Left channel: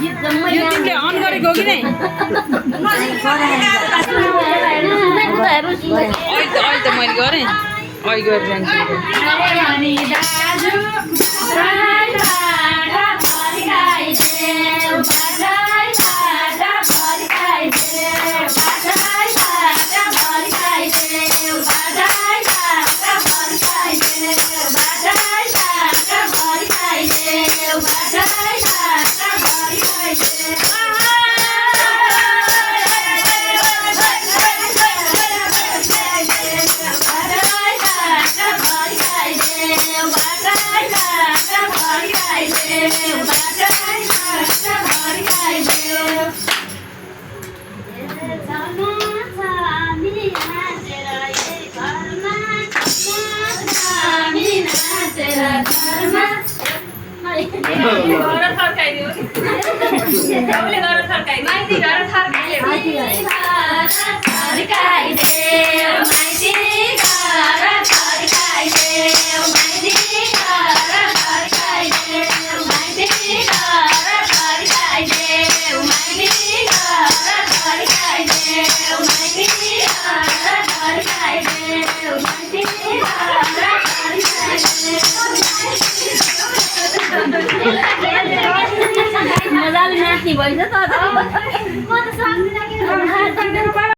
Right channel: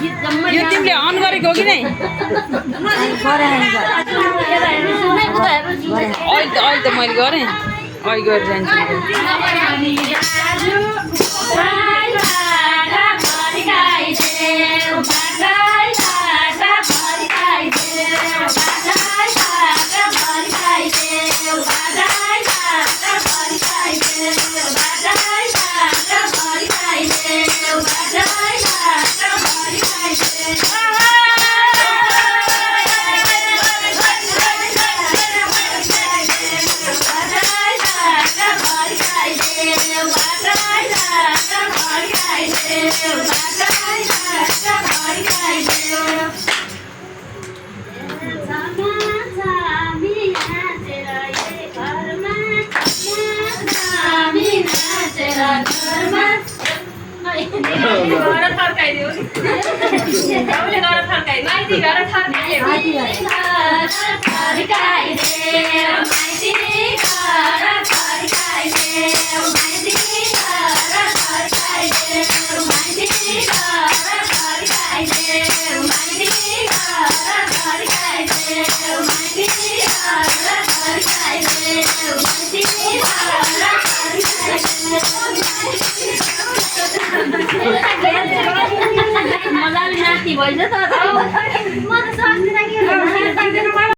यो तिमीले अन गरेको हो कि नै? अहिले त मैले गरेँ, अहिले गएर जान्छु। मजाले नाच्ने भइस त